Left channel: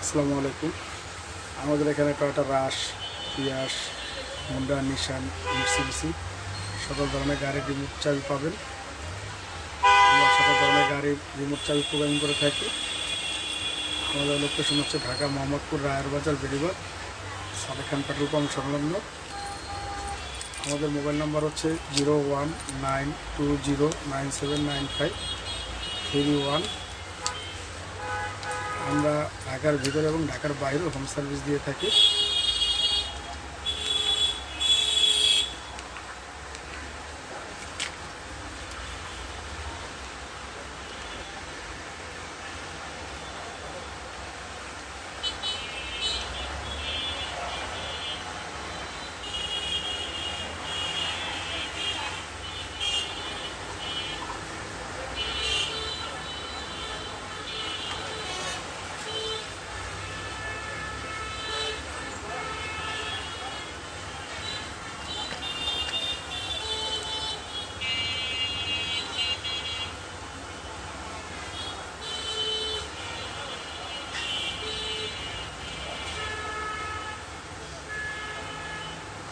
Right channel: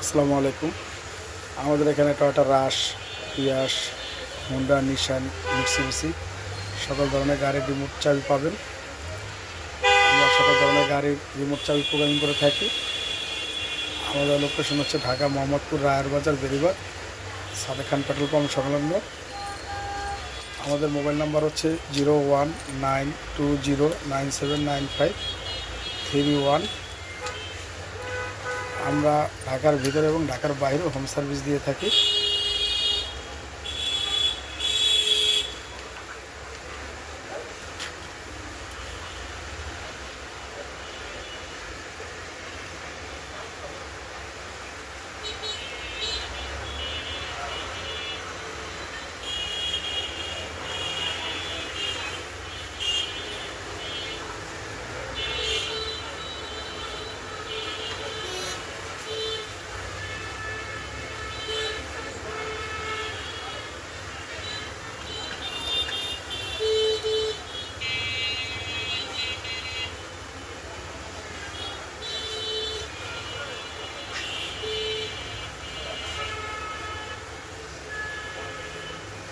আসসালামু আলাইকুম। আমাদের এখানে টয়োটা রাশ, ইয়াস, হোন্ডা, নিশান, মিৎসুবিশি সকল ধরনের গাড়ির রিমোট চাবি পাবেন। আমরা সকল ধরনের গাড়ির রিমোট চাবি প্রোগ্রামিং করে থাকি। আমাদের লোকেশন হচ্ছে ঢাকা মোহাম্মদপুর, রায়ের বাজার, বেড়িবাঁধ, সাদেক খান পেট্রোল পাম্প সংলগ্ন। আমাদের মোবাইল নাম্বার হচ্ছে 0192097953 আমরা ঢাকার ভিতরে এবং ঢাকার বাইরেও হোম সার্ভিস দিয়ে থাকি।